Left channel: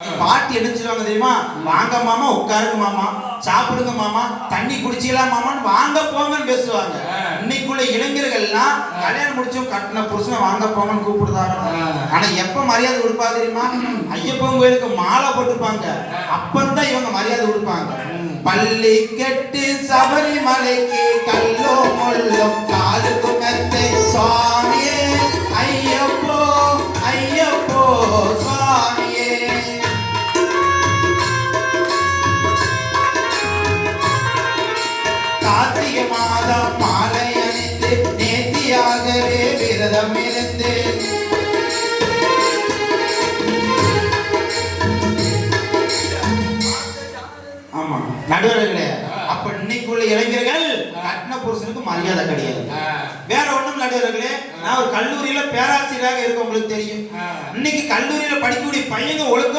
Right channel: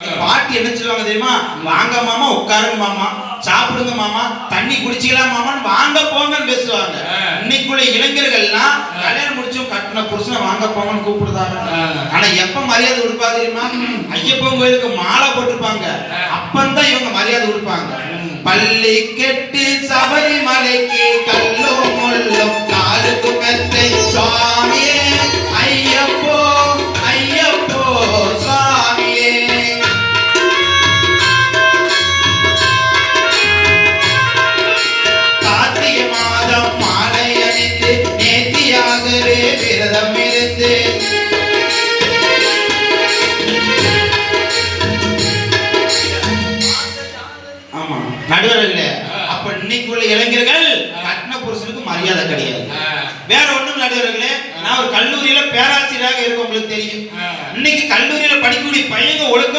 பாட்டி என்ன சொல்லுவாங்க தெரியுமா? வாங்க மாமா, உட்காருங்க மாமா, சாப்பிடுங்க மாமா, தண்ணி குடிச்சிக்கலாம் மாமான்னு வாங்க போங்கன்னு பேசுவாங்க. இன்னைக்குள்ள இளைஞர்கள்லாம் கல்யாணம் முடிச்சும் கட்டின புருஷனை வாங்க போங்கன்னு கூப்பிடுதாங்க. ஆனா எப்ப மரியாதை கொடுப்பா தெரியுமா? ஐயப்பன் கோயிலுக்கு மாலை போட்டிருப்பாங்க, அப்பந்தான் இவங்க மரியாதை கொடுப்பாங்க. பள்ளி கெட்டு சபரிமலைக்கு கல்லோ முள்ளோ காலுக்கு மெத்தை சுவாமியே ஐயப்போ ஐயப்போ சுவாமியே. கார்த்திகை மாதம் மாலை அணிந்து நேர்த்தியாகவே விரதம் இருந்து நடுவர்களே, அப்ப இன்னைக்குள்ள இளைஞர்கள் கட்டின புருஷனுக்கு மரியாதை கிடையாது. வேற ஒண்ணும் நடுவர்களே, நான் ஒரு கல்லூரியில பேராசிரியராக இருக்க உங்களுக்கு தெரியும். இன்னைக்கு கல்லூரியில படிக்கக்கூடிய பையங்க ஒழுக்கம்